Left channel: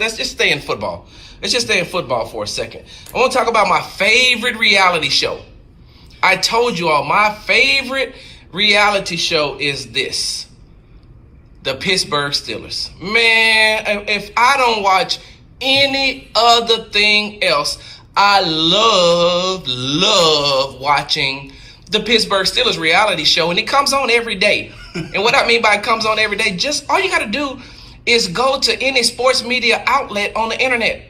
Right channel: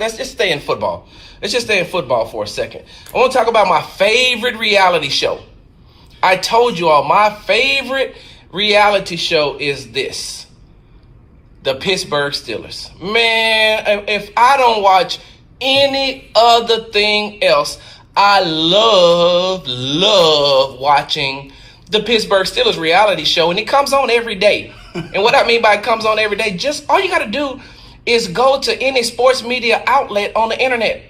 let's just stay in football. Let's just stay in football for a second. I want to talk about my favorite reality show. I told you all my favorite reality show is this. The Pittsburgh Steelers. Man, if I don't watch any other thing else, I love watching the Pittsburgh Steelers reality show, and it comes on every day. And what I mean by it comes on every day, just all you got to do is go to any sports media outlet on the internet.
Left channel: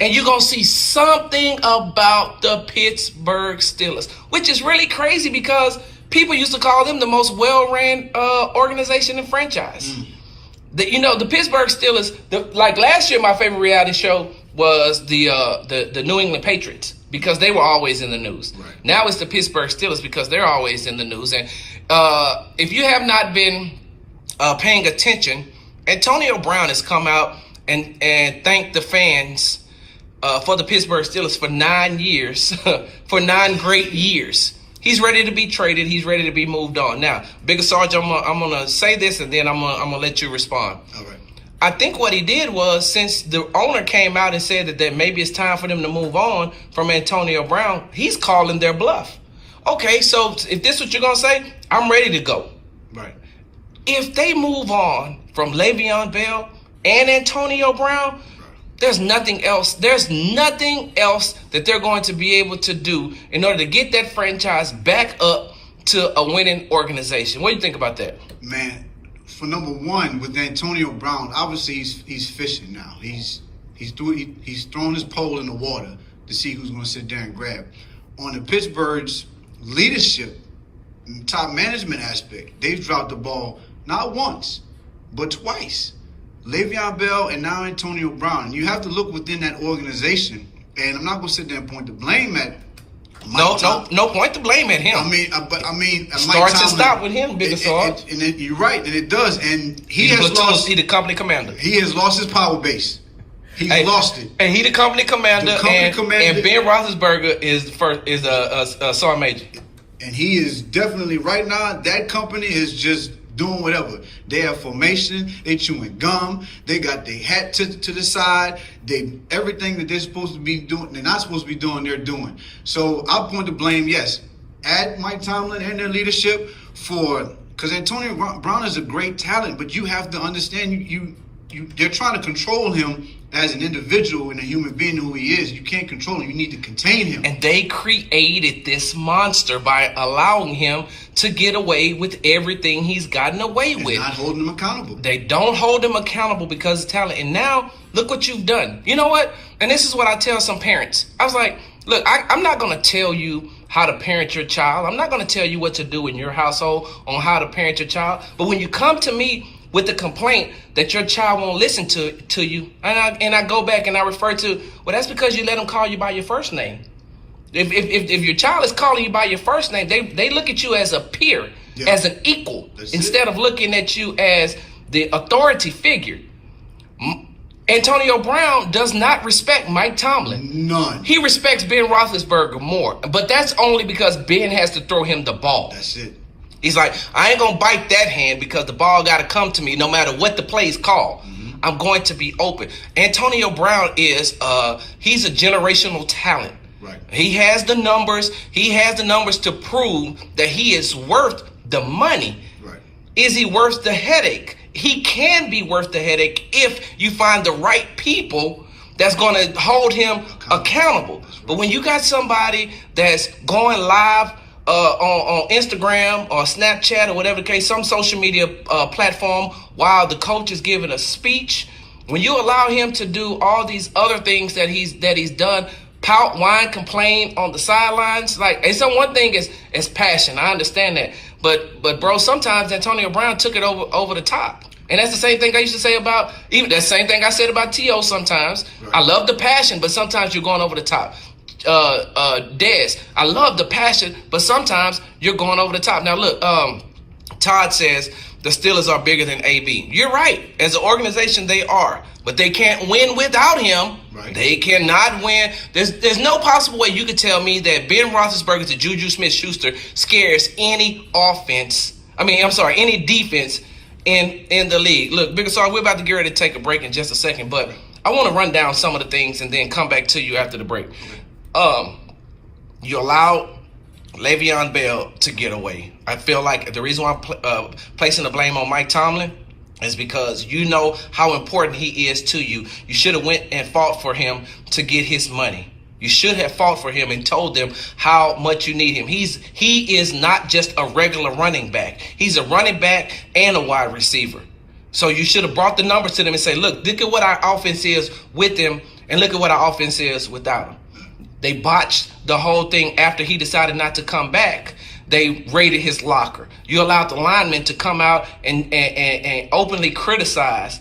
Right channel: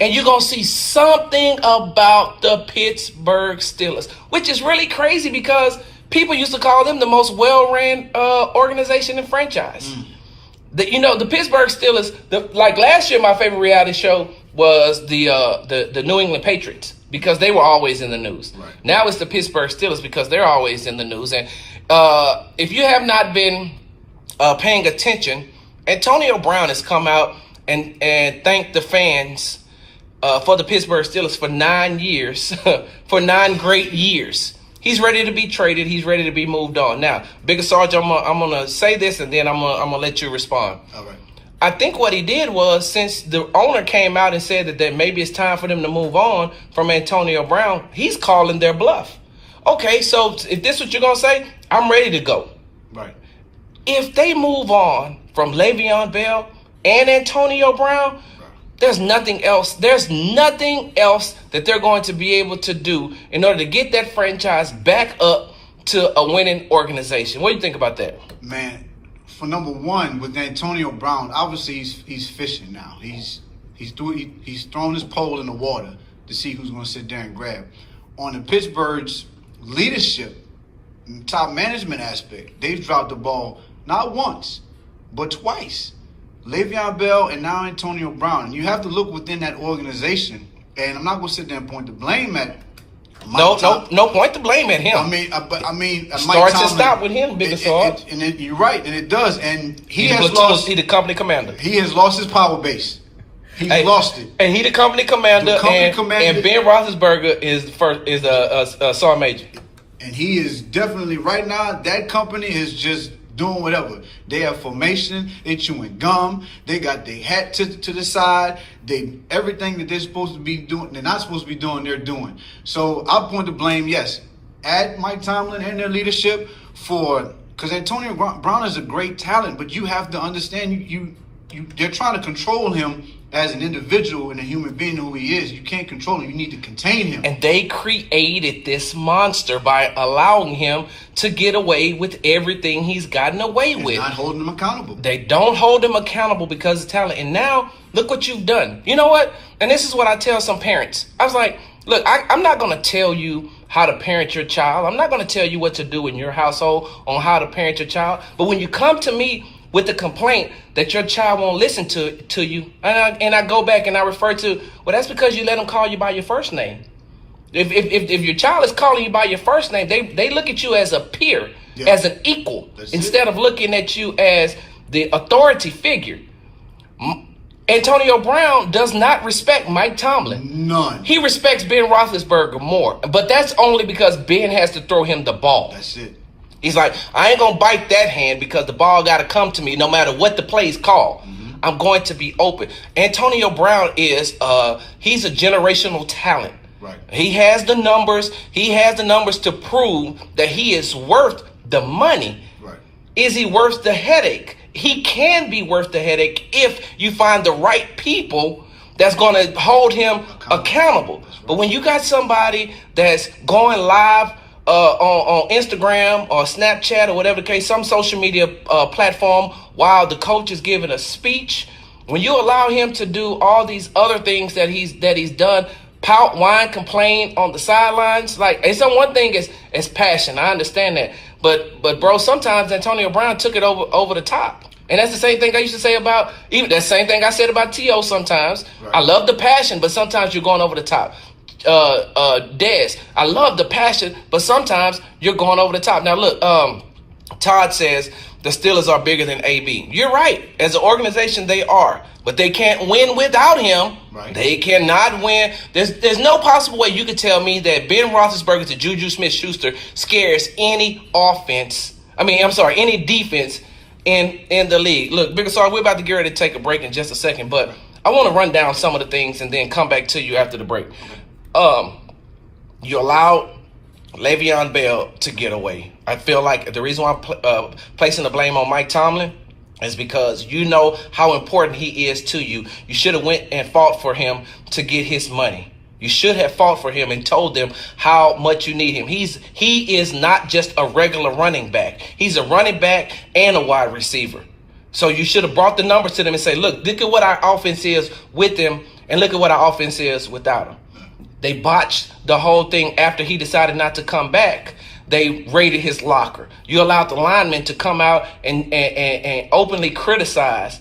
And you're going to see something about the Pittsburgh Steelers, which is really crazy because people used to call them the most well-ran organization and franchise. The Pittsburgh Steelers, like last year, my favorite reality show was the New England Patriots because they were always in the news. Right. Now it's the Pittsburgh Steelers because they're always in the news. And if you have not been paying attention, Antonio Brown has come out and thanked the fans for the Pittsburgh Steelers for 9 years, for 9 great years. He's ready to be traded. He's ready to be moved on. Now, Bigger Sarge, I'm gonna say this and then I'm gonna let you respond. All right. I think what he did was, since the owner came out and said that maybe it's time for them to move on from Antonio Brown, he's calling their bluff. Okay, so if this is what you're gonna say, I'm ready to go. Right. If they move on from Le'Veon Bell and Antonio Brown, there's nothing else. There's nothing else that they're going to be able to do in order to get that franchise back up to a winning organization. What do you think about that? Man, for number one, with Antonio Brown, obviously he's fishing now. He's thrown his pole in the water to see who's going to sit there and grab. On the Pittsburgh's leadership, top management aspect, they've dropped the ball not once, but twice. Le'Veon Bell and now Antonio Brown. You have to look within that organization, and I'm not going to sit there and point the blame at No point to blame at him. I mean, Start to stop with him, Bigger Sarge. You're right, and it does. And He's the company commander. He has lost his power base. He's lost it. And he the company commander. And Ben Roethlisberger is a sergeant major. And he is definitely right now. That company is just doing whatever. They have formation. They chewing gum. They got their hat to the side. Everything that they're supposed to be doing, they're not supposed to be doing, they're doing. So I'll point the blame, yes, at Mike Tomlin and their leadership because Antonio Brown is a great talent, but you have to understand they're trying to control him as an individual and a human being who he is. You can't control him. You need to contain him. And they created this monster by allowing him to get away with everything he's gotten away with. Not holding him accountable. They don't hold him accountable because of talent. And now, look what you've done. You know what? And this is what I tell some parents. I was like, look, I'm not going to tell you how to parent your child. I'm not going to tell you what to do in your household on how to parent your child. But when you come to me with the complaint that your child won't listen to you, and I go back and I refer to, well, that's because you let them call you by your first name. If your child is calling you by your first name, they look at you as a peer, as an equal, instead of looking at you as the authority figure. Antonio Brown does not respect Mike Tomlin. None. He respects Ben Roethlisberger more, but that's only because Ben has to throw him the ball. That's it. He's like, I ain't going to bite that hand because the ball got to come to me no matter what the play's called. Mm-hmm. I'm going to be open. Antonio Brown he's a generational talent. Right. He has the numbers. He has the numbers to prove that he is worth the money. Right. Is he worth the headache? He can be worth the headache if you find the right people that's going to hold him accountable. Right. But when you got somebody that's going live on Instagram or Snapchat or whatever the case, some social media platform, while the coach is giving a speech, when you allow him to do all these other things that he's done, pout, whine, complain on the sidelines, and so one thing is passion. I understand that, but bro, sometimes Antonio Brown took it over the top. And that's the same thing I used to say about, even that same thing I said about T.O. sometimes. Right. I love the passion, but sometimes you're going over the top. Des, I love the passion, but sometimes you're going over the top. Now look, Todd says the Steelers are bigger than AB. You're right. As an organization, they are, but they can't win without him. Right. They cannot win. There's no possible way you could tell me that Ben Roethlisberger to Juju Smith-Schuster scares any defense in the league. Look, Big Star, we're about to get ready to take a break in just a second, but I want to run down some of the things and then come back to you after the break. You allowed Le'Veon Bell to get away. I feel like the reason why I'm placing the blame on Mike Tomlin is because you know how important he is to you. You should have went and fought for him to get his money. You should have fought for him and told them how much you need him. He is not just a regular running back. He's a running back and a wide receiver. So you should have brought the numbers to them and say, look at what our offense is with him and look at what our offense is without him. They botched the whole thing after he decided not to come back. They raided his locker. You allowed the linemen to come out and openly criticize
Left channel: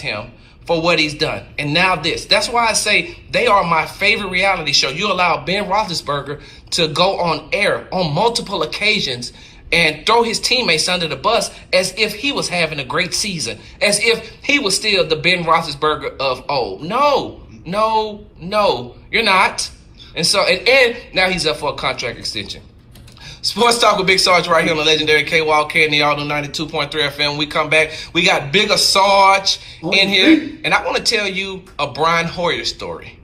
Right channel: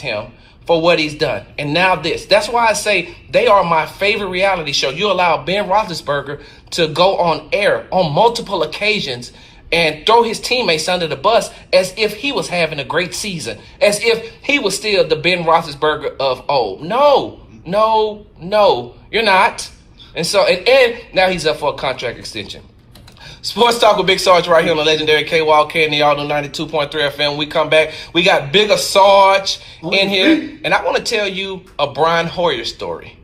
him for what he's done. And now this. That's why I say they are my favorite reality show. You allow Ben Roethlisberger to go on air on multiple occasions and throw his teammates under the bus as if he was having a great season, as if he was still the Ben Roethlisberger of old. No, you're not. And so, and now he's up for a contract extension. Sports Talk with Big Sarge right here on the legendary KWalk and the Auto 92.3 FM. We come back. We got Bigger Sarge in here. And I want to tell you a Brian Hoyer story.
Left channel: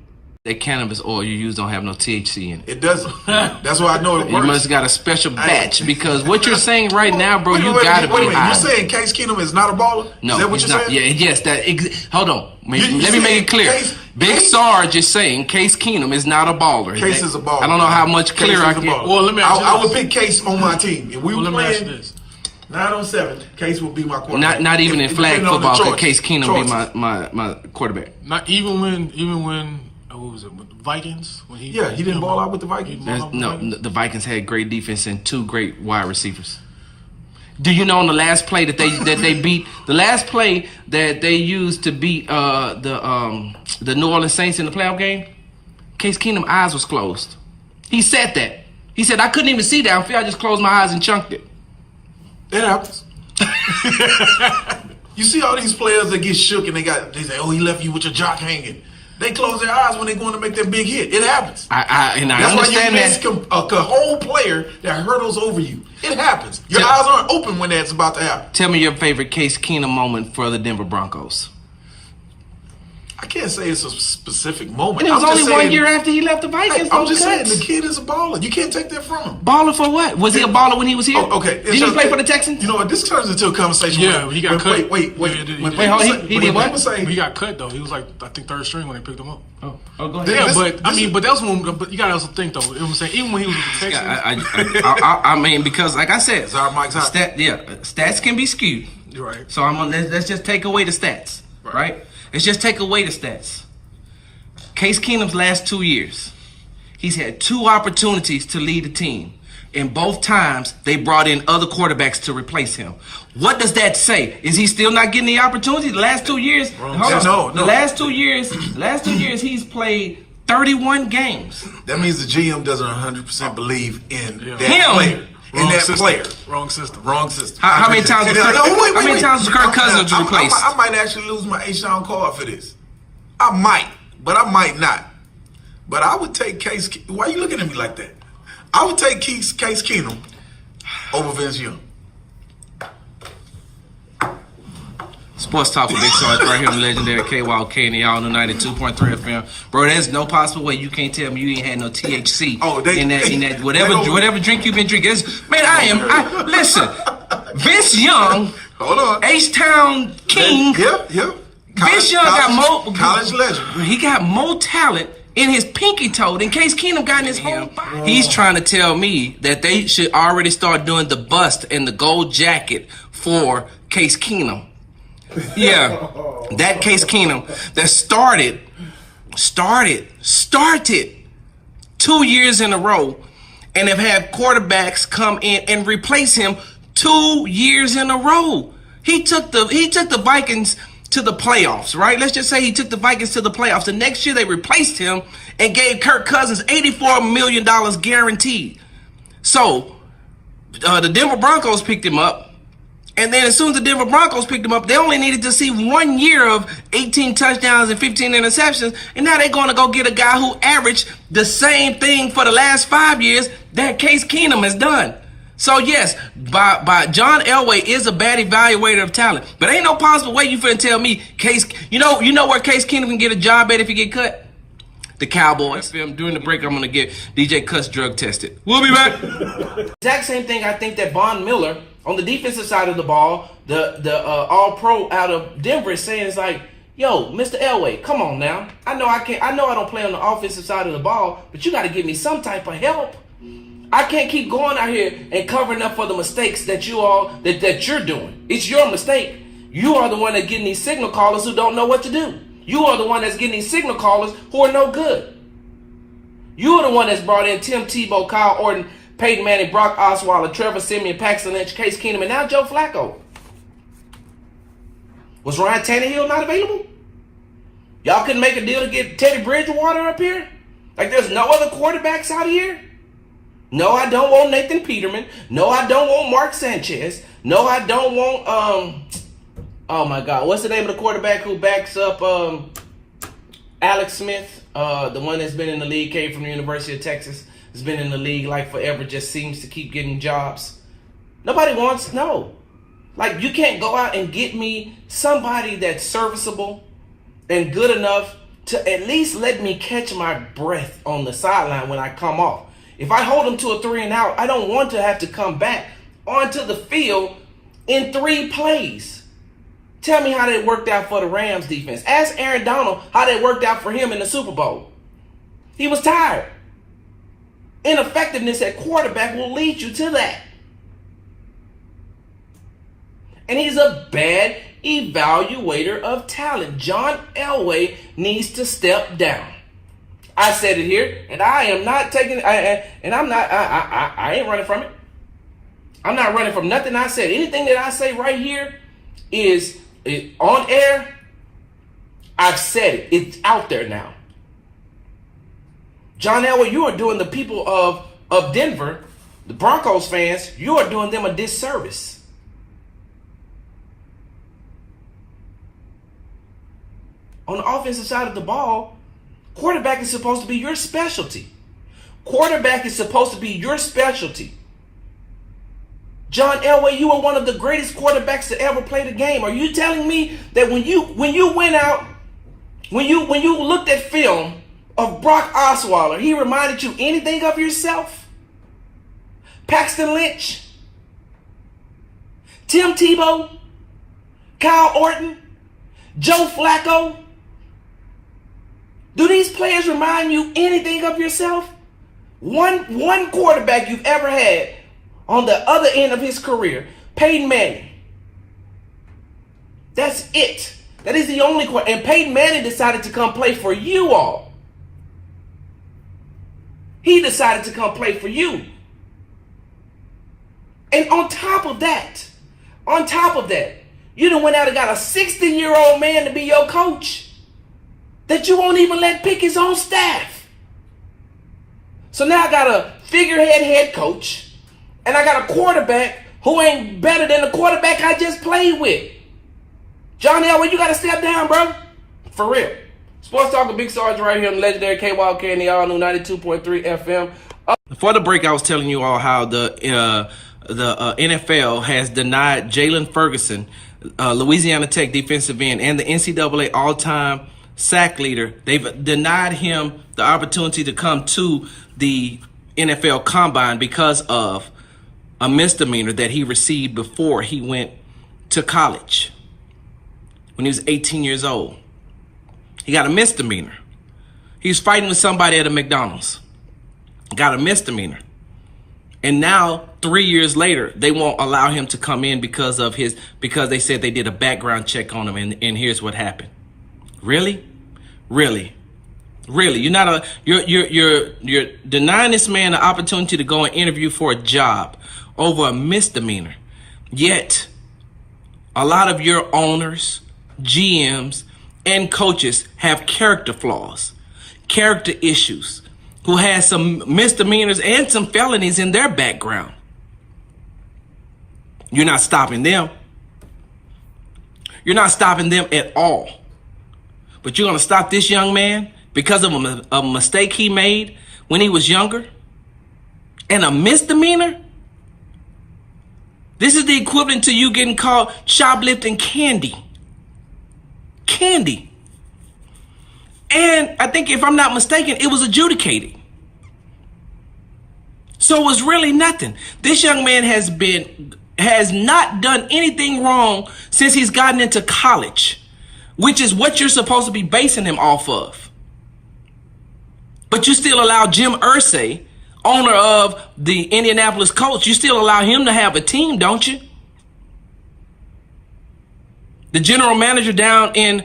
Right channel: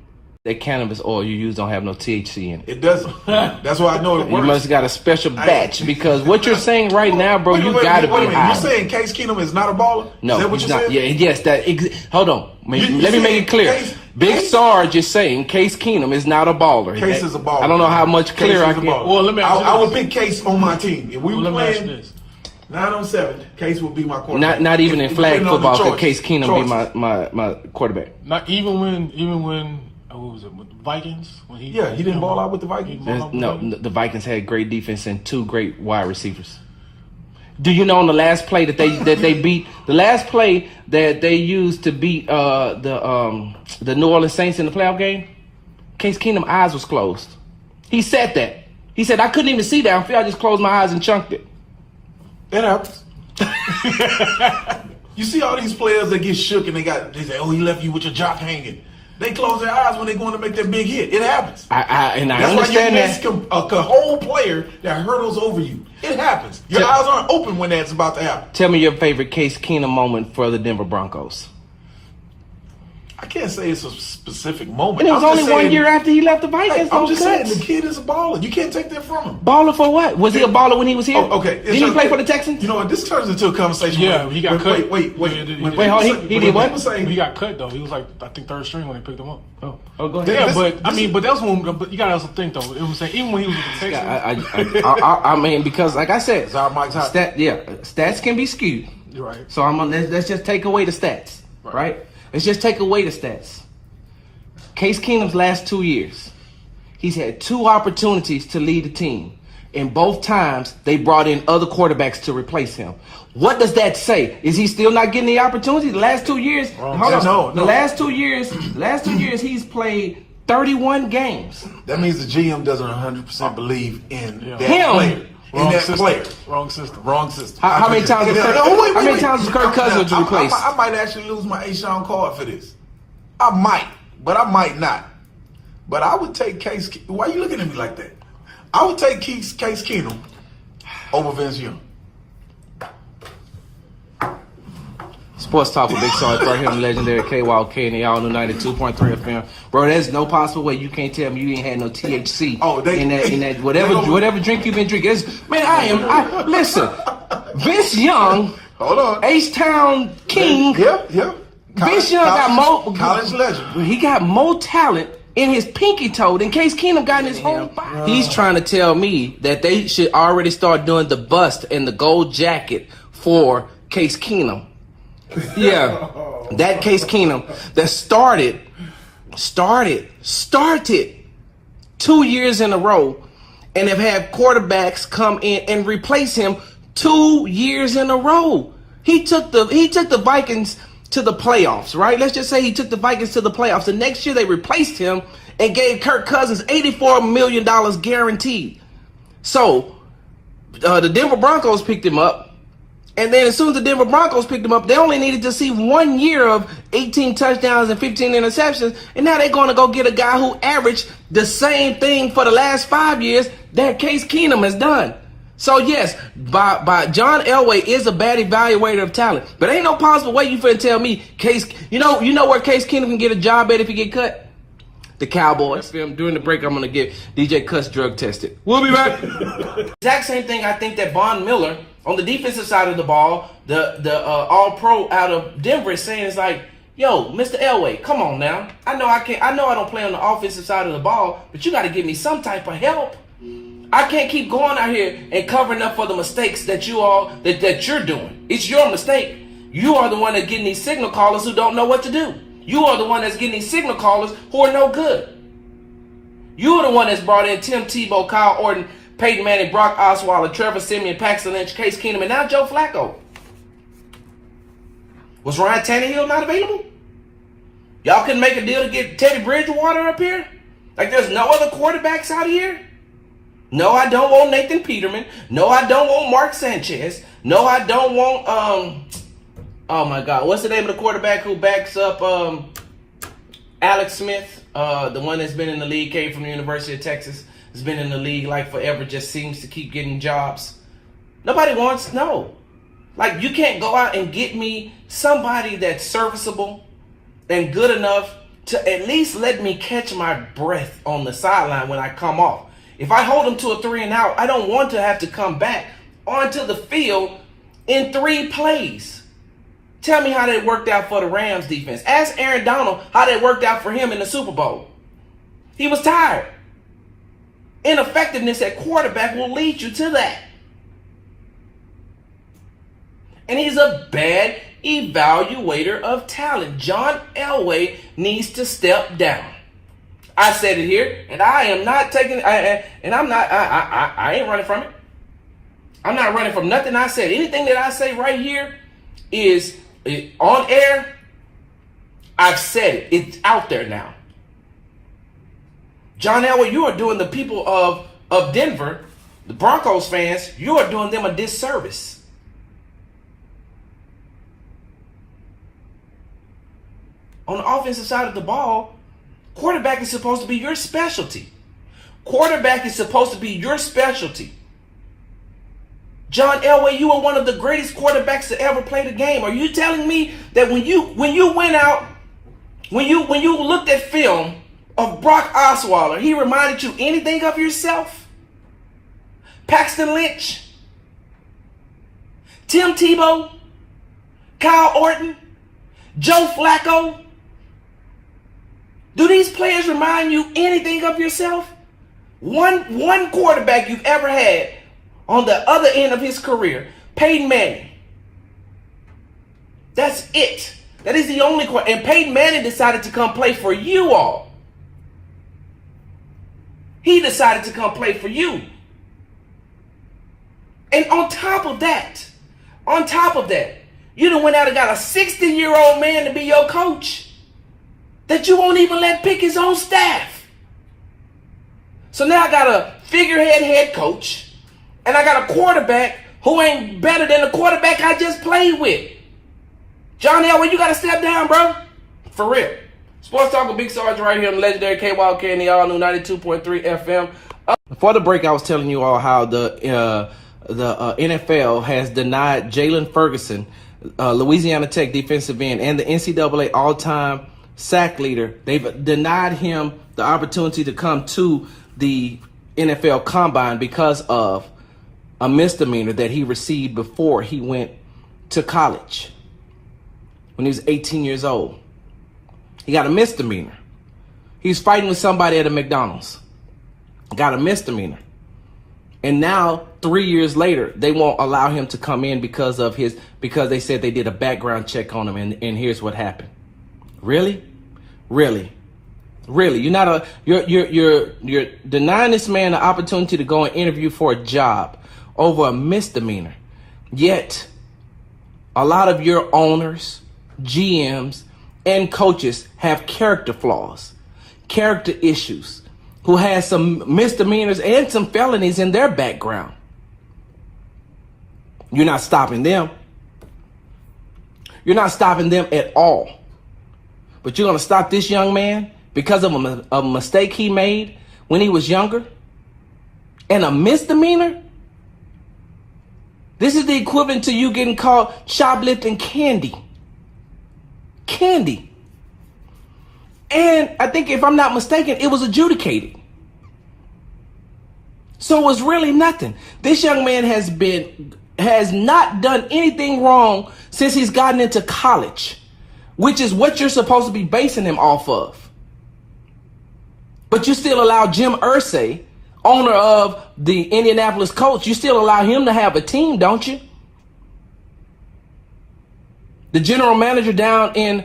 That cannabis oil you use don't have no THC in it. It doesn't. That's why I know it works. You must have got a special batch because what you're saying right now, bro, you got to be high. You're saying Case Keenum is not a baller? No, is that what he's you're not. saying? Yeah, yes. Hold on. Let me make it clear. Big Sarge is saying Case Keenum is not a baller. Case is a baller. I don't know how much clearer I can. Well, let me ask you I would pick Case on my team. If we were playing 9-on-7, Case would be my quarterback. Not even in flag football could Case Keenum be my quarterback. Not even when what was it, with the Vikings? When he didn't ball out with the Vikings. No, the Vikings had great defense and two great wide receivers. Do you know on the last play that they beat, the last play that they used to beat the New Orleans Saints in the playoff game? Case Keenum's eyes was closed. He said that. He said, I couldn't even see downfield. I just closed my eyes and chunked it. That happens. You see all these players that get shook and they say, oh, he left you with your jock hanging. They close their eyes when they're going to make that big hit. It happens. I That's understand why you miss a whole player that hurdles over you. It happens. Your eyes aren't open when that's about to happen. Tell me your favorite Case Keenum moment for the Denver Broncos. I can't say it's a specific moment. And it was only 1 year after he left the Vikings. I'm just saying the kid is a baller. You can't take that from him. Baller for what? Was he a baller when he was here? Oh, okay. Did he play for the Texans? You know what? This turns into a conversation. Yeah, he got cut. Wait. He did what? He got cut though. He was like I think third string when they picked him up. Oh, go ahead. Yeah, but that was when. But you gotta also think though. It was saying even when he was with the Texans. I mean, because like I said, Mike's stats can be skewed. You're right. So let's just take away the stats, right? Let's just take away the stats. Case Keenum's last 2 years, he's had 2 opportunities to lead the team. And both times, they brought in other quarterbacks to replace him. What does that say? Is he still not getting the opportunity? The last 2 years, the last 2 years, he's played 31 games. That means the GM doesn't 100% believe in that him. player. In that player. Wrong system. How many times was Kirk Cousins replaced? I might actually lose my A-Shawn card for this. I might, but I might not. But I would take Case. Why are you looking at me like that? I would take Case Keenum over Vince Young. Sports Talk with Big Sarge right here on the legendary KWalk and the All 92.3 FM. Bro, there's no possible way you can't tell me you ain't had no THC in that whatever drink you've been drinking. Listen, Vince Young, hold on, H-Town King. Yep. Vince Young got more college legend. He got more talent in his pinky toe than Case Keenum got in his whole body. He's trying to tell me that they should already start doing the bust and the gold jacket for Case Keenum. Yeah, that Case Keenum that started 2 years in a row and have had quarterbacks come in and replace him 2 years in a row. He took the Vikings to the playoffs, right? Let's just say he took the Vikings to the playoffs. The next year they replaced him and gave Kirk Cousins $84 million guaranteed. So the Denver Broncos picked him up. And then as soon as the Denver Broncos picked him up, they only needed to see 1 year of 18 touchdowns and 15 interceptions. And now they're going to go get a guy who averaged the same thing for the last 5 years that Case Keenum has done. So yes, by John Elway is a bad evaluator of talent, but ain't no possible way you finna tell me Case. You know where Case Keenum can get a job at if he get cut? The Cowboys. During the break, I'm gonna get DJ Cuts drug tested. We'll be back. Exact same thing. I think that Von Miller on the defensive side of the ball, the All Pro out of Denver, is saying is like, yo, Mr. Elway, come on now. I know I don't play on the offensive side of the ball, but you got to give me some type of help. I can't keep going out here and covering up for the mistakes that you're doing. It's your mistake. You are the one that's getting these signal callers who don't know what to do. You are the one that's getting these signal callers who are no good. You are the one that's brought in Tim Tebow, Kyle Orton, Peyton Manning, Brock Osweiler, Trevor Siemian, Paxton Lynch, Case Keenum, and now Joe Flacco. Was Ryan Tannehill not available? Y'all couldn't make a deal to get Teddy Bridgewater up here? Like there's no other quarterbacks out here? No, I don't want Nathan Peterman. No, I don't want Mark Sanchez. No, I don't want, oh my God, what's the name of the quarterback who backs up Alex Smith? The one that's been in the league, came from the University of Texas, has been in the league like forever, just seems to keep getting jobs. Nobody wants, no. Like you can't go out and get me somebody that's serviceable and good enough to at least let me catch my breath on the sideline when I come off. If I hold them to a 3 and out, I don't want to have to come back onto the field in 3 plays. Tell me how that worked out for the Rams defense. Ask Aaron Donald how that worked out for him in the Super Bowl. He was tired. Ineffectiveness at quarterback will lead you to that. And he's a bad evaluator of talent. John Elway needs to step down. I said it here, and I am not taking. I ain't running from it. I'm not running from nothing I said. Anything that I say right here is on air. I've said it. It's out there now. John Elway, you are doing the people of Denver, the Broncos fans, you are doing them a disservice. On the offensive side of the ball, quarterback is supposed to be your specialty. Quarterback is supposed to be your specialty. John Elway, you are one of the greatest quarterbacks to ever play the game. Are you telling me that when you went out, when you looked at film of Brock Osweiler, he reminded you anything of yourself? Paxton Lynch, Tim Tebow, Kyle Orton, Joe Flacco. Do these players remind you anything of yourself? One quarterback you've ever had on the other end of his career, Peyton Manning. That's it. That is the only quarterback. And Peyton Manning decided to come play for you all. He decided to come play for you. And on top of that, you done went out and got a 60-year-old man to be your coach that you won't even let pick his own staff. So now I got a figurehead head coach, and I got a quarterback who ain't better than the quarterback I just played with. John Elway, you got to step down, bro. For real. Sports Talk with Big Sarge right here on the legendary KYK and the all-new 92.3 FM. Before the break, I was telling you all how the NFL has denied Jalen Ferguson, Louisiana Tech defensive end, and the NCAA all-time sack leader. They've denied him the opportunity to come to the NFL Combine because of a misdemeanor that he received before he went to college when he was 18 years old. He got a misdemeanor. He was fighting with somebody at a McDonald's. Got a misdemeanor. And now, 3 years later, they won't allow him to come in because they said they did a background check on him, and here's what happened. Really? You're denying this man the opportunity to go and interview for a job over a misdemeanor. Yet, a lot of your owners, GMs, and coaches have character flaws, character issues, who has some misdemeanors and some felonies in their background. You're not stopping them. You're not stopping them at all. But you're going to stop this young man because of a mistake he made when he was younger? And a misdemeanor? This is the equivalent to you getting caught shoplifting candy. Candy. And I think, if I'm not mistaken, it was adjudicated. So it was really nothing. This young man has not done anything wrong since he's gotten into college, which is what you're supposed to be basing him off of. But you still allow Jim Irsay, owner of the Indianapolis Colts, you still allow him to have a team, don't you? The general manager down in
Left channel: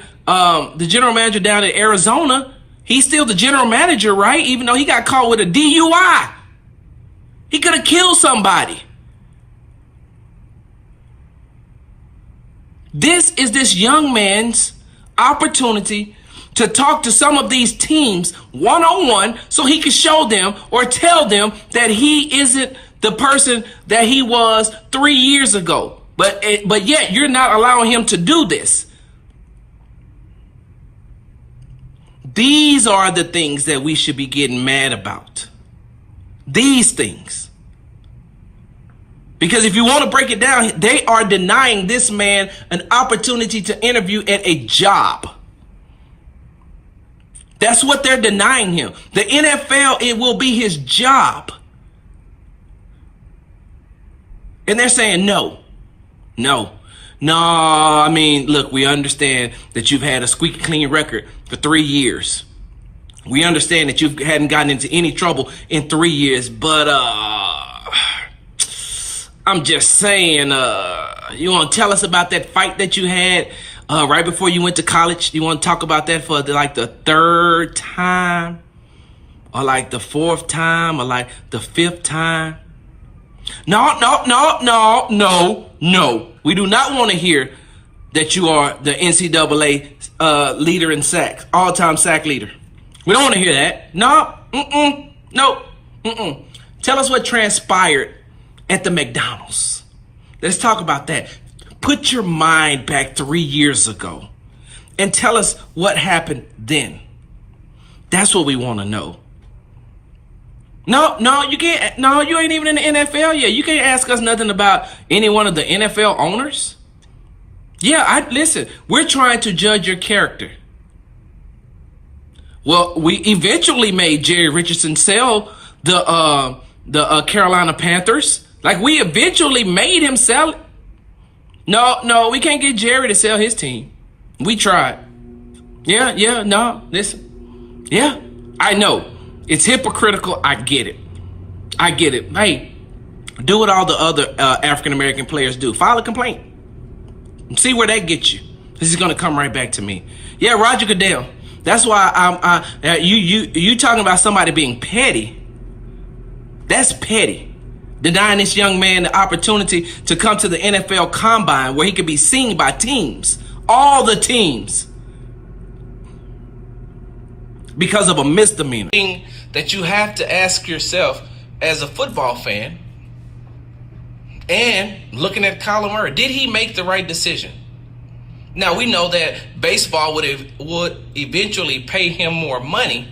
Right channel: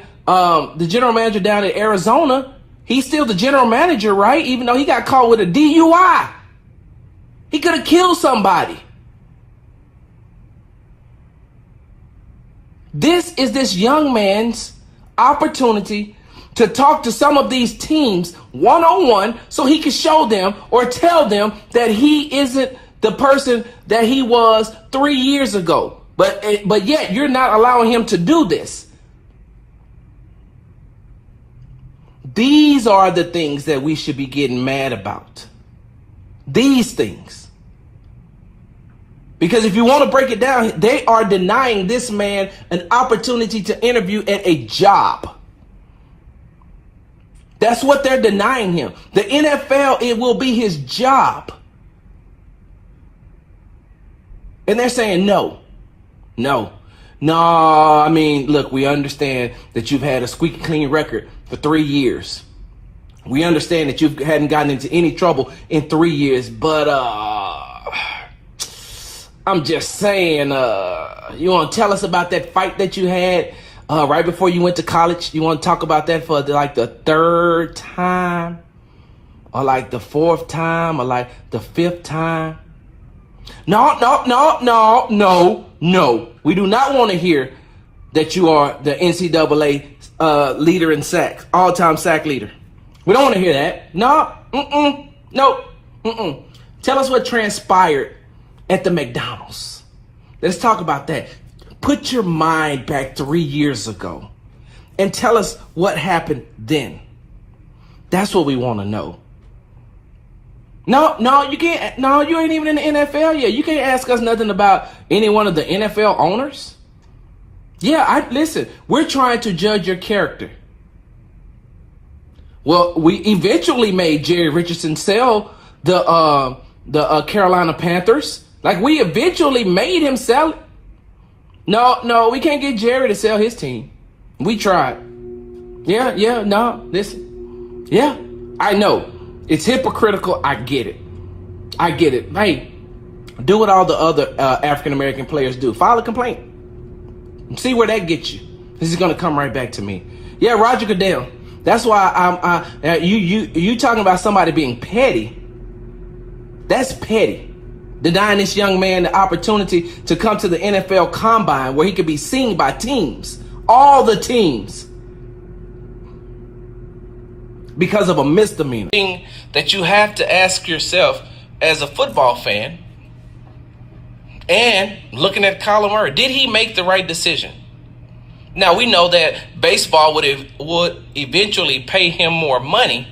Arizona, he's still the general manager, right? Even though he got caught with a DUI. He could have killed somebody. This is this young man's opportunity to talk to some of these teams one-on-one so he can show them or tell them that he isn't the person that he was 3 years ago. But yet you're not allowing him to do this. These are the things that we should be getting mad about. These things. Because if you want to break it down, they are denying this man an opportunity to interview at a job. That's what they're denying him. The NFL, it will be his job. And they're saying no. I mean, look, we understand that you've had a squeaky clean record for 3 years. We understand that you hadn't gotten into any trouble in 3 years, but I'm just saying, you want to tell us about that fight that you had right before you went to college? You want to talk about that for like the 3rd time, or like the 4th time, or like the 5th time? No. We do not want to hear that you are the NCAA leader in sacks, all-time sack leader. We don't want to hear that. No. Tell us what transpired at the McDonald's. Let's talk about that. Put your mind back 3 years ago and tell us what happened then. That's what we want to know. No, you can't. No, you ain't even in the NFL yet. You can't ask us nothing about any one of the NFL owners. Yeah, listen, we're trying to judge your character. Well, we eventually made Jerry Richardson sell the Carolina Panthers. Like, we eventually made him sell it. No, we can't get Jerry to sell his team. We tried. Listen. Yeah, I know. It's hypocritical. I get it. Hey, do what all the other African-American players do. File a complaint. See where that gets you. This is going to come right back to me. Yeah, Roger Goodell. That's why you talking about somebody being petty. That's petty. Denying this young man the opportunity to come to the NFL Combine where he could be seen by teams. All the teams. Because of a misdemeanor. That you have to ask yourself as a football fan, and looking at Kyler Murray, did he make the right decision? Now, we know that baseball would eventually pay him more money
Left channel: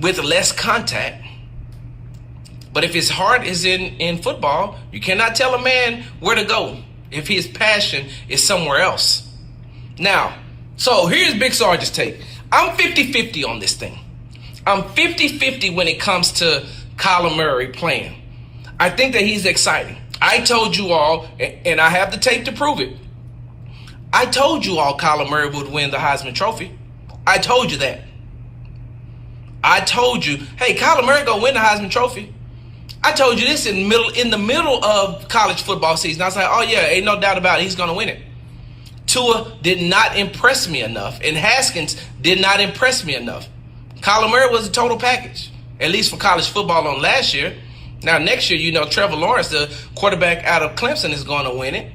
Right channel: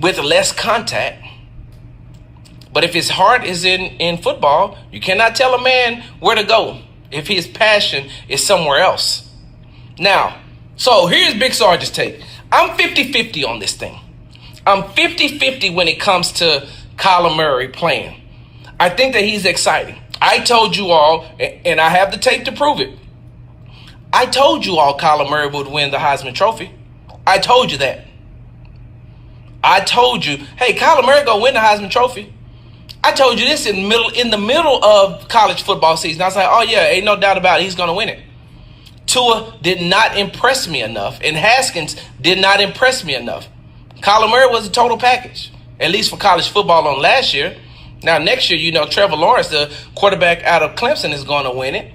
with less contact. But if his heart is in football, you cannot tell a man where to go if his passion is somewhere else. Now, so here's Big Sarge's take. I'm 50-50 on this thing. I'm 50-50 when it comes to Kyler Murray playing. I think that he's exciting. I told you all, and I have the tape to prove it. I told you all Kyler Murray would win the Heisman Trophy. I told you that. I told you, hey, Kyler Murray gonna win the Heisman Trophy. I told you this in the middle of college football season. I was like, oh yeah, ain't no doubt about it. He's gonna win it. Tua did not impress me enough, and Haskins did not impress me enough. Kyler Murray was a total package, at least for college football on last year. Now, next year, Trevor Lawrence, the quarterback out of Clemson, is going to win it.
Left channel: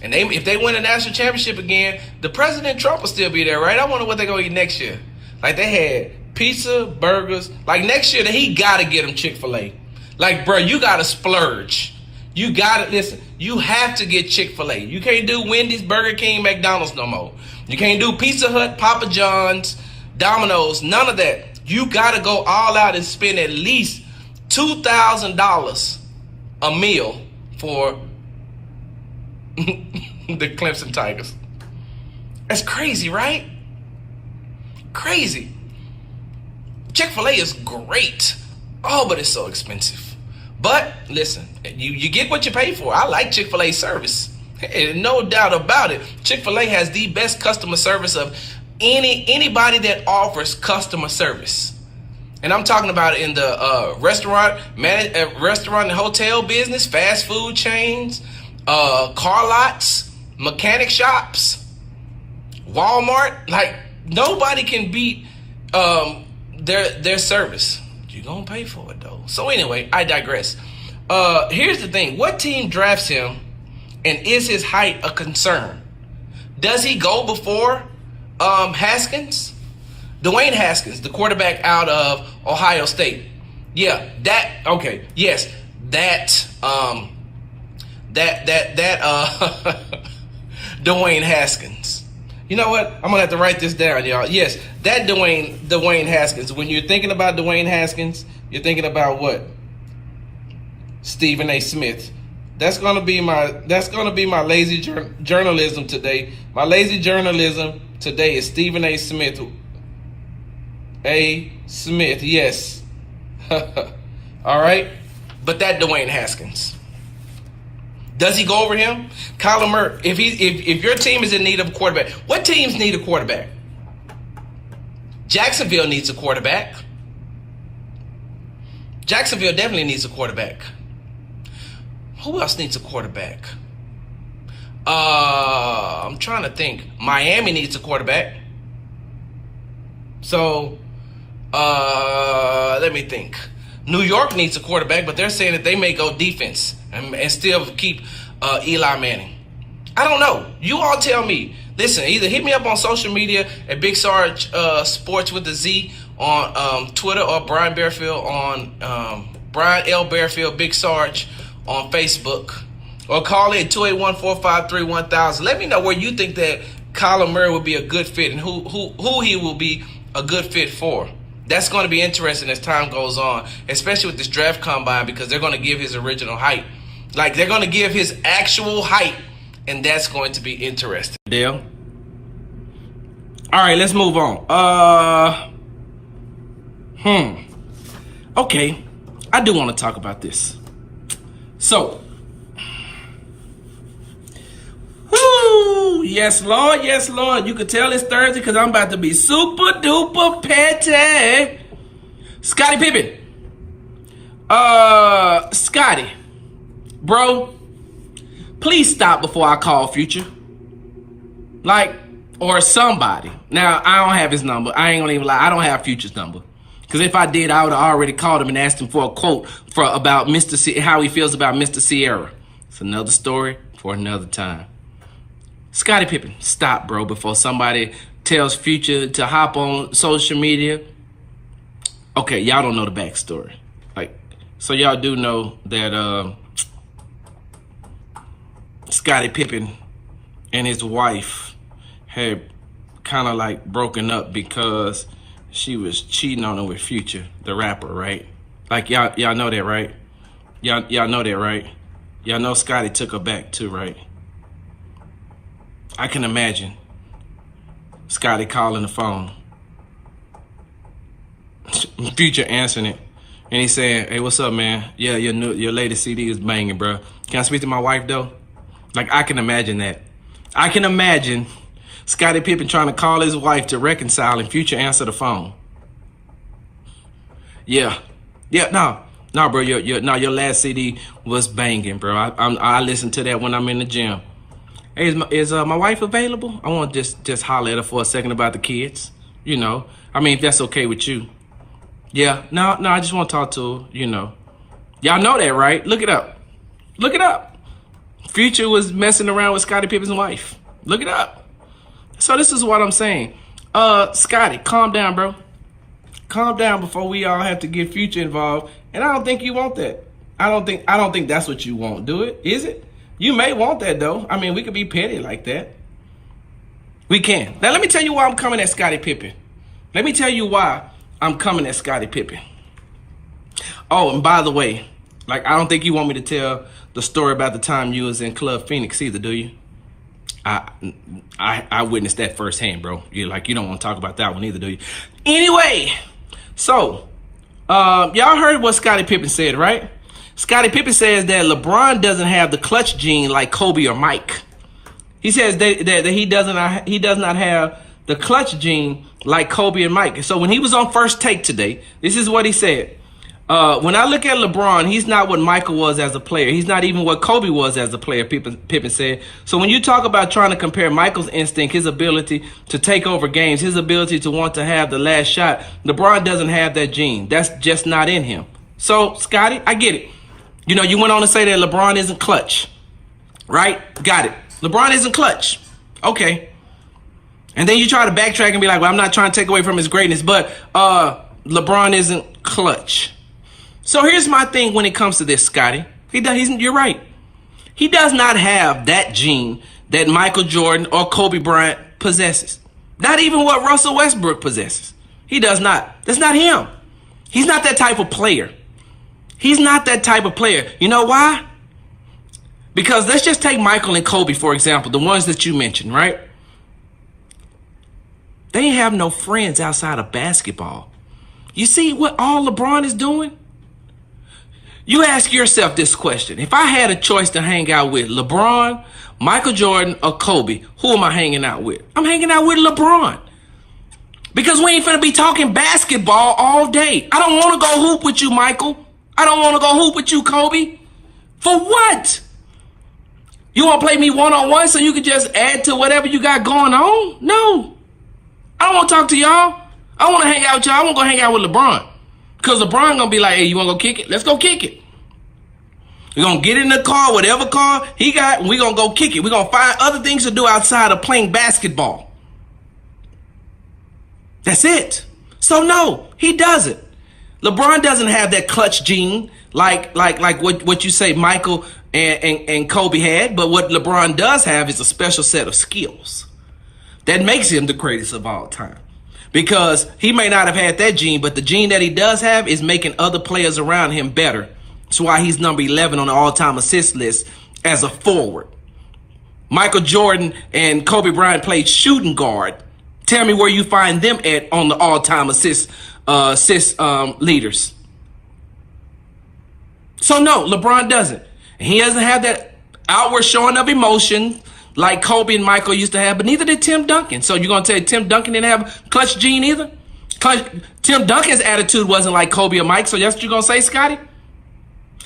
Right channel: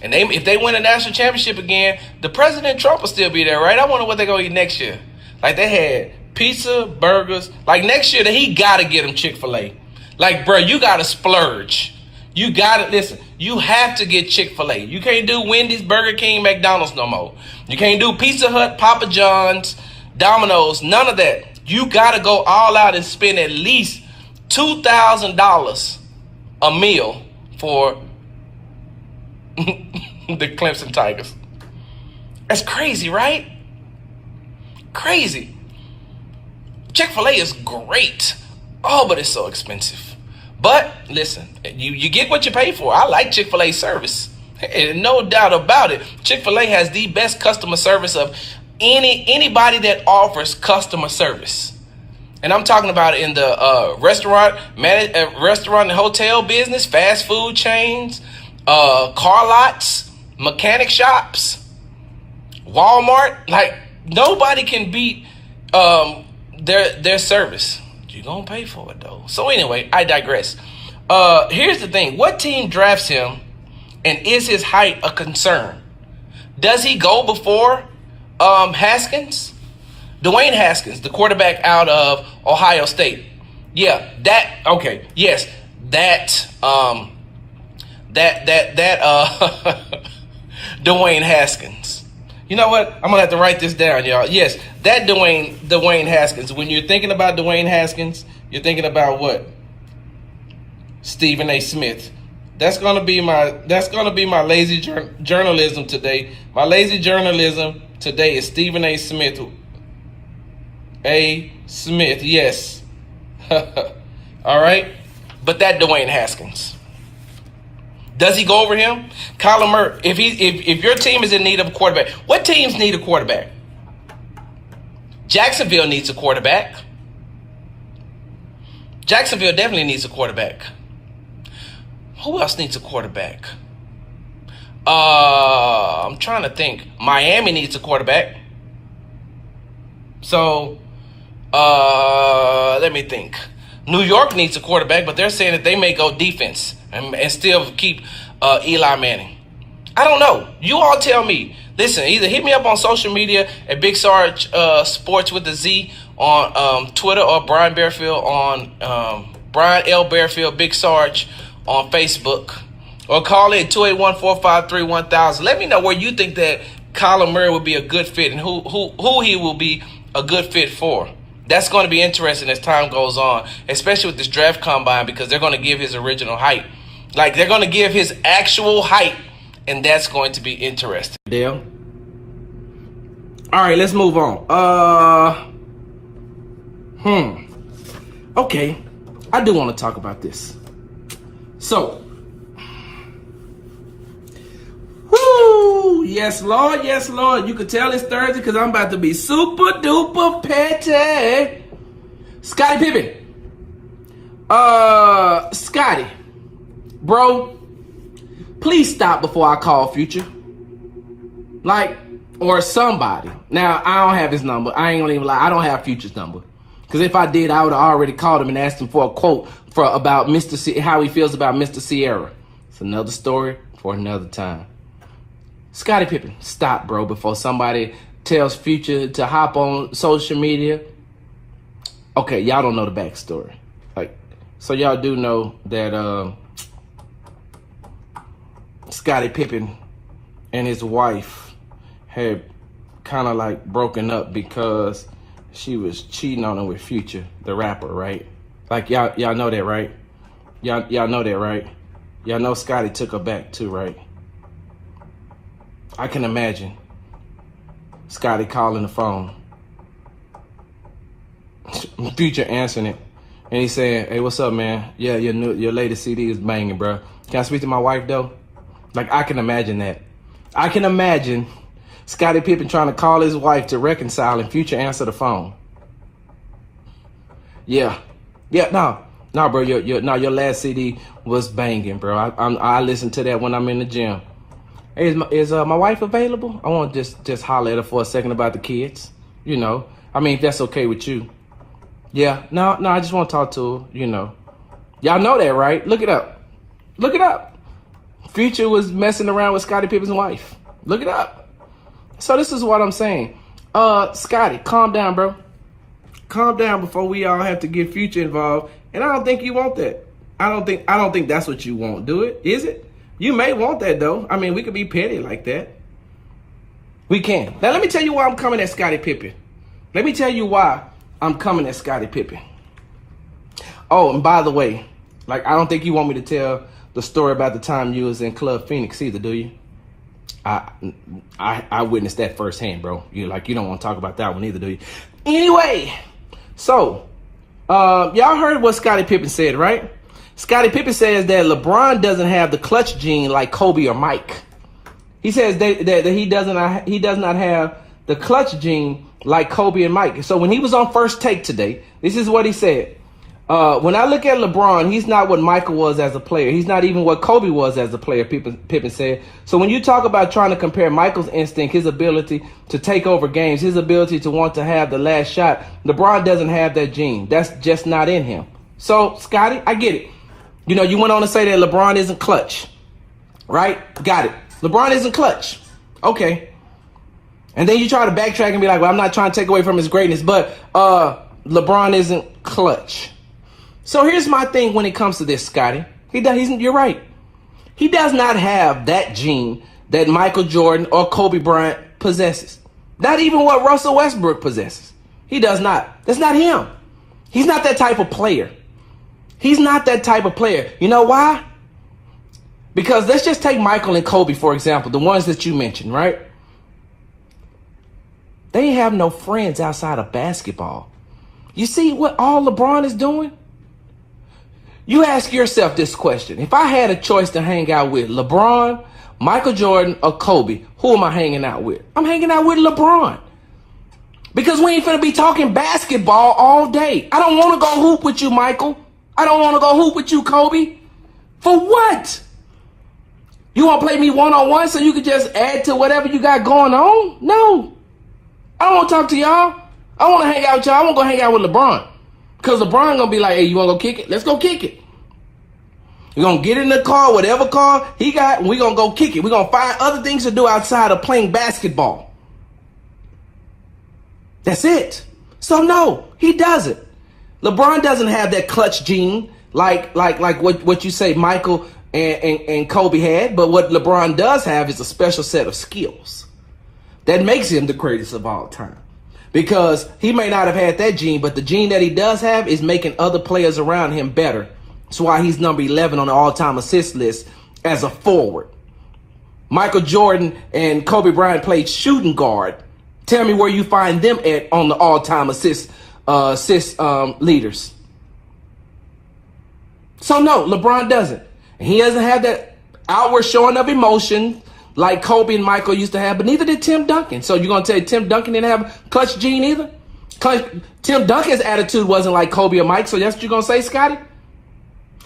And if they win a national championship again, the President Trump will still be there, right? I wonder what they're going to eat next year. Like, they had pizza, burgers. Like, next year, he got to get them Chick-fil-A. Like, bro, you got to splurge. You got to, listen, you have to get Chick-fil-A. You can't do Wendy's, Burger King, McDonald's no more. You can't do Pizza Hut, Papa John's, Domino's, none of that. You got to go all out and spend at least $2,000 a meal for the Clemson Tigers. That's crazy, right? Crazy. Chick-fil-A is great. Oh, but it's so expensive. But listen, you get what you pay for. I like Chick-fil-A service. No doubt about it. Chick-fil-A has the best customer service of anybody that offers customer service. And I'm talking about in the restaurant and hotel business, fast food chains, car lots, mechanic shops, Walmart. Like, nobody can beat their service. You're gonna pay for it though. So anyway, I digress. Here's the thing. What team drafts him, and is his height a concern? Does he go before Haskins? Dwayne Haskins, the quarterback out of Ohio State. Yeah, okay. Yes, Dwayne Haskins. You know what? I'm gonna have to write this down, y'all. Yes, that Dwayne Haskins. When you're thinking about Dwayne Haskins, you're thinking about what? Stephen A. Smith. That's gonna be my lazy journalism today. My lazy journalism today is Stephen A. Smith. A. Smith, yes. All right, but that Dwayne Haskins. Does he go over him? Kyler Murray, if your team is in need of a quarterback, what teams need a quarterback? Jacksonville needs a quarterback. Jacksonville definitely needs a quarterback. Who else needs a quarterback? I'm trying to think. Miami needs a quarterback. So, let me think. New York needs a quarterback, but they're saying that they may go defense and still keep Eli Manning. I don't know. You all tell me. Listen, either hit me up on social media at Big Sarge Sports with the Z on Twitter, or Brian Bearfield on Brian L. Bearfield Big Sarge on Facebook, or call in 281-453-1000. Let me know where you think that Kyler Murray would be a good fit and who he will be a good fit for. That's going to be interesting as time goes on, especially with this draft combine, because they're going to give his original height. Like, they're going to give his actual height, and that's going to be interesting. Dale. All right, let's move on. Okay, I do want to talk about this. So, woo, yes, Lord, yes, Lord. You can tell it's Thursday because I'm about to be super duper petty. Scottie Pippen. Scottie, bro, please stop before I call Future. Like, or somebody. Now, I don't have his number. I ain't gonna even lie. I don't have Future's number. Because if I did, I would have already called him and asked him for a quote about how he feels about Mr. Sierra. It's another story for another time. Scottie Pippen, stop, bro, before somebody tells Future to hop on social media. Okay, y'all don't know the backstory. Like, so y'all do know that Scottie Pippen and his wife had kind of like broken up because she was cheating on him with Future, the rapper, right? Like, y'all know that, right? Y'all know that, right? Y'all know Scottie took her back too, right? I can imagine Scottie calling the phone, Future answering it, and he's saying, "Hey, what's up, man? Yeah, your latest CD is banging, bro. Can I speak to my wife though?" Like, I can imagine that. I can imagine Scottie Pippen trying to call his wife to reconcile, and Future answer the phone. Yeah, no, bro. Your last CD was banging, bro. I listen to that when I'm in the gym. Hey, is my wife available? I want to just holler at her for a second about the kids. You know, I mean, if that's okay with you. Yeah, no, I just want to talk to her. You know, y'all know that, right? Look it up. Future was messing around with Scottie Pippen's wife. Look it up. So this is what I'm saying. Scottie, calm down, bro. Calm down before we all have to get Future involved. And I don't think you want that. I don't think that's what you want. Do it? Is it? You may want that though. I mean, we could be petty like that. We can. Now let me tell you why I'm coming at Scottie Pippen. Let me tell you why I'm coming at Scottie Pippen. Oh, and by the way, like, I don't think you want me to tell the story about the time you was in Club Phoenix either, do you? I witnessed that firsthand, bro. You don't want to talk about that one either, do you? Anyway, so y'all heard what Scottie Pippen said, right? Scottie Pippen says that LeBron doesn't have the clutch gene like Kobe or Mike. He says that he does not have the clutch gene like Kobe and Mike. So when he was on First Take today, this is what he said. When I look at LeBron, he's not what Michael was as a player. He's not even what Kobe was as a player, Pippen said. So when you talk about trying to compare Michael's instinct, his ability to take over games, his ability to want to have the last shot, LeBron doesn't have that gene. That's just not in him. So, Scottie, I get it. You went on to say that LeBron isn't clutch, right? Got it. LeBron isn't clutch. Okay. And then you try to backtrack and be like, well, I'm not trying to take away from his greatness, but LeBron isn't clutch. So here's my thing when it comes to this, Scottie. You're right. He does not have that gene that Michael Jordan or Kobe Bryant possesses. Not even what Russell Westbrook possesses. He does not. That's not him. He's not that type of player. He's not that type of player. You know why? Because let's just take Michael and Kobe, for example, the ones that you mentioned, right? They have no friends outside of basketball. You see what all LeBron is doing? You ask yourself this question. If I had a choice to hang out with LeBron, Michael Jordan, or Kobe, who am I hanging out with? I'm hanging out with LeBron. Because we ain't finna be talking basketball all day. I don't want to go hoop with you, Michael. I don't want to go hoop with you, Kobe. For what? You want to play me one-on-one so you can just add to whatever you got going on? No. I don't want to talk to y'all. I want to hang out with y'all. I want to go hang out with LeBron. Because LeBron going to be like, hey, you want to go kick it? Let's go kick it. We're going to get in the car, whatever car he got, and we're going to go kick it. We're going to find other things to do outside of playing basketball. That's it. So, no, he doesn't. LeBron doesn't have that clutch gene like what you say Michael and Kobe had. But what LeBron does have is a special set of skills that makes him the greatest of all time. Because he may not have had that gene, but the gene that he does have is making other players around him better. That's why he's number 11 on the all-time assist list as a forward. Michael Jordan and Kobe Bryant played shooting guard. Tell me where you find them at on the all-time assist leaders. So no, LeBron doesn't. He doesn't have that outward showing of emotion like Kobe and Michael used to have, but neither did Tim Duncan. So you're going to tell Tim Duncan didn't have clutch gene either? Tim Duncan's attitude wasn't like Kobe or Mike, so that's what you're going to say, Scottie?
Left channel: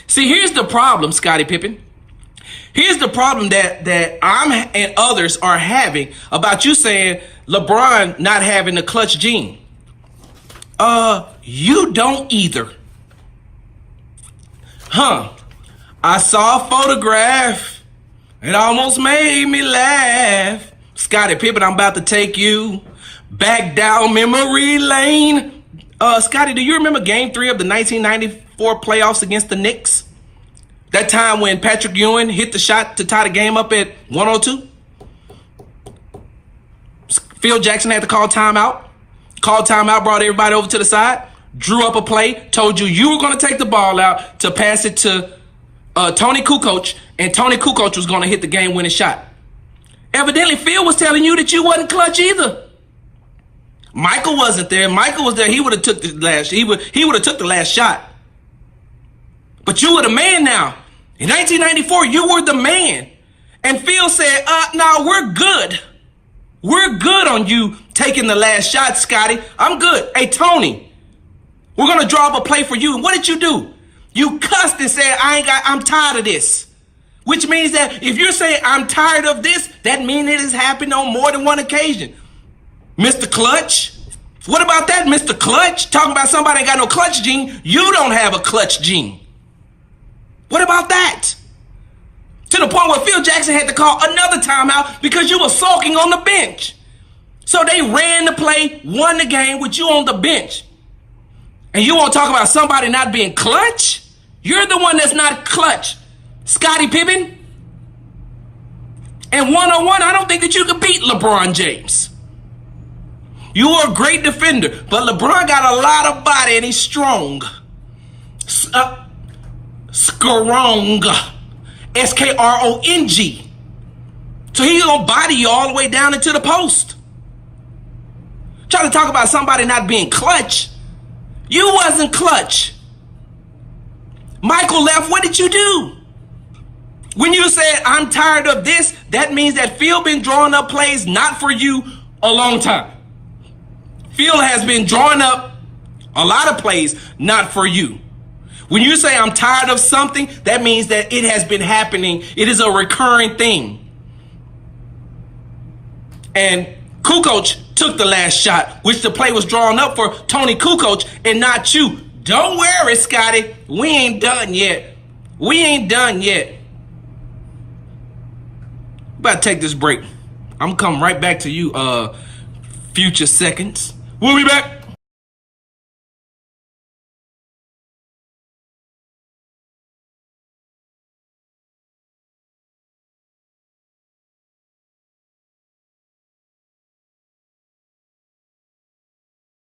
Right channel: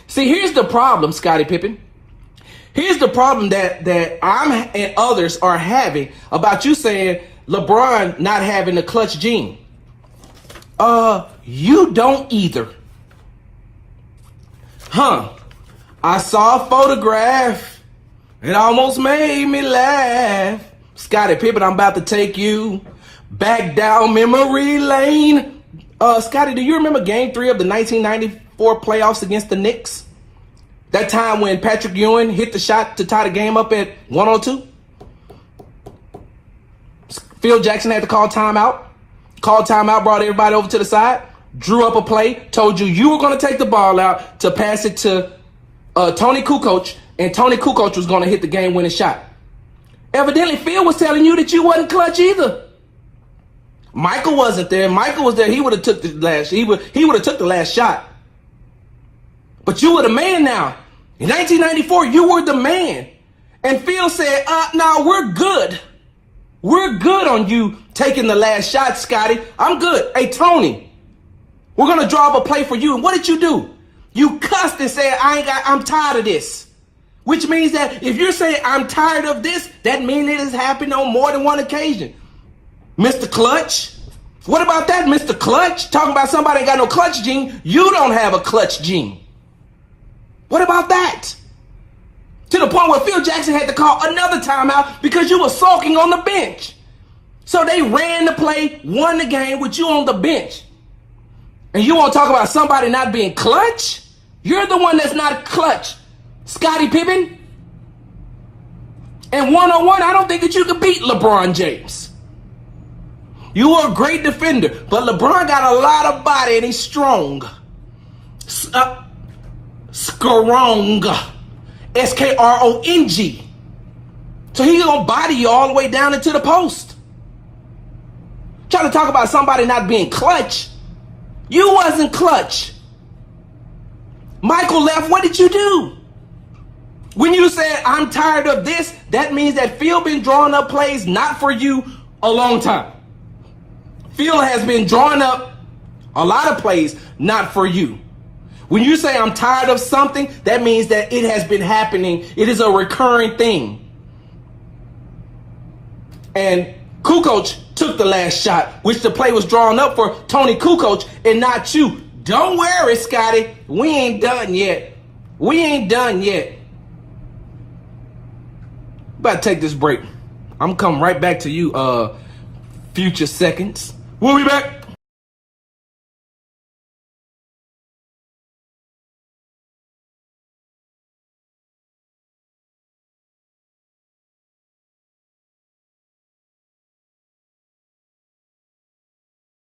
See, here's the problem, Scottie Pippen. Here's the problem that I'm and others are having about you saying LeBron not having the clutch gene. You don't either. I saw a photograph. It almost made me laugh. Scottie Pippen, I'm about to take you back down memory lane. Scottie, do you remember Game 3 of the 1994 playoffs against the Knicks? That time when Patrick Ewing hit the shot to tie the game up at 102? Phil Jackson had to call timeout. Called timeout, brought everybody over to the side, drew up a play, told you were going to take the ball out to pass it to Tony Kukoc, and Tony Kukoc was going to hit the game-winning shot. Evidently, Phil was telling you that you wasn't clutch either. Michael wasn't there. Michael was there. He would have took the last. He would have took the last shot. But you were the man now. In 1994, you were the man. And Phil said, "No, we're good. We're good on you taking the last shot, Scottie. I'm good. Hey, Tony, we're gonna draw up a play for you." And what did you do? You cussed and said, I'm tired of this. Which means that if you're saying I'm tired of this, that means it has happened on more than one occasion. Mr. Clutch? What about that, Mr. Clutch? Talking about somebody that got no clutch gene. You don't have a clutch gene. What about that? To the point where Phil Jackson had to call another timeout because you were sulking on the bench. So they ran the play, won the game with you on the bench. And you want to talk about somebody not being clutch? You're the one that's not clutch, Scottie Pippen. And one-on-one, I don't think that you could beat LeBron James. You are a great defender, but LeBron got a lot of body and he's strong. Strong. SKRONG. So he gonna body you all the way down into the post. Trying to talk about somebody not being clutch. You wasn't clutch. Michael left, what did you do? When you said, I'm tired of this, that means that Phil been drawing up plays not for you a long time. Phil has been drawing up a lot of plays not for you. When you say I'm tired of something, that means that it has been happening. It is a recurring thing. And Kukoc took the last shot, which the play was drawn up for Tony Kukoc and not you. Don't worry, Scotty. We ain't done yet. We ain't done yet. About to take this break. I'm coming right back to you, future seconds. We'll be back.